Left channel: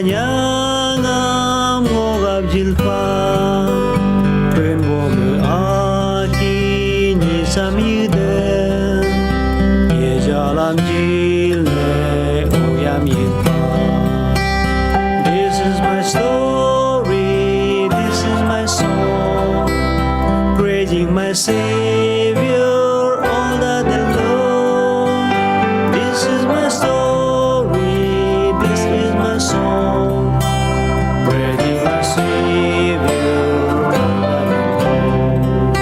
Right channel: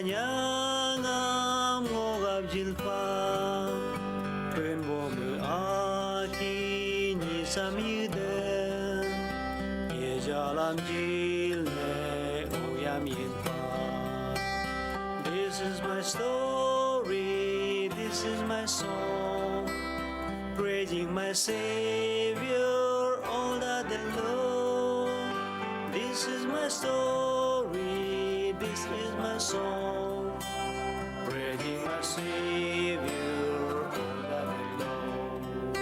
찬양함 오갑질파 근고그 아긴 이삼이든 예자람질내 오얌일파. This is my story, this is my song, praising my Savior all the day long. This is my story, this is my song, praising my Savior all the day long.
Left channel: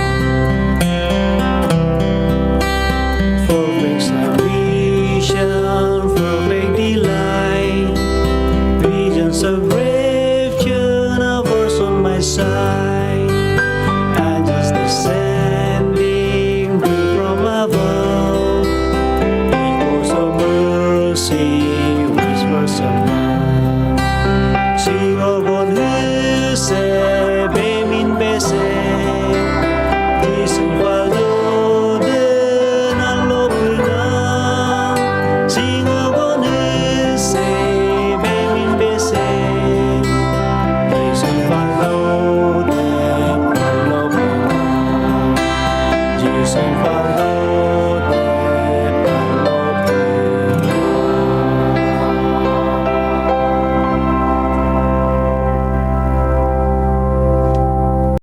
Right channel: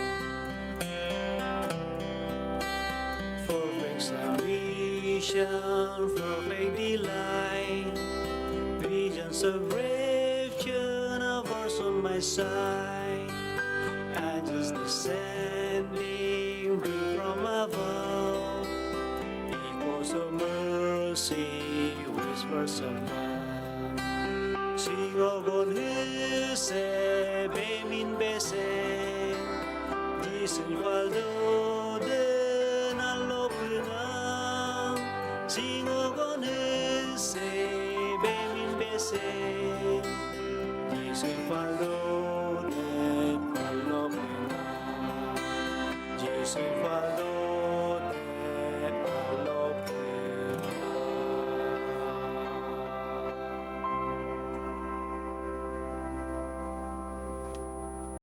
Perfect salvation, perfect delight, visions of rapture, a verse on my side, angels descending from above, echoes of mercy, whispers of love. Sing of one who said, Bemin bese, Jesus waldoden alopuna. Sing of one who said, Bemin bese, Jesus waldoden alopuna. Jesus waldoden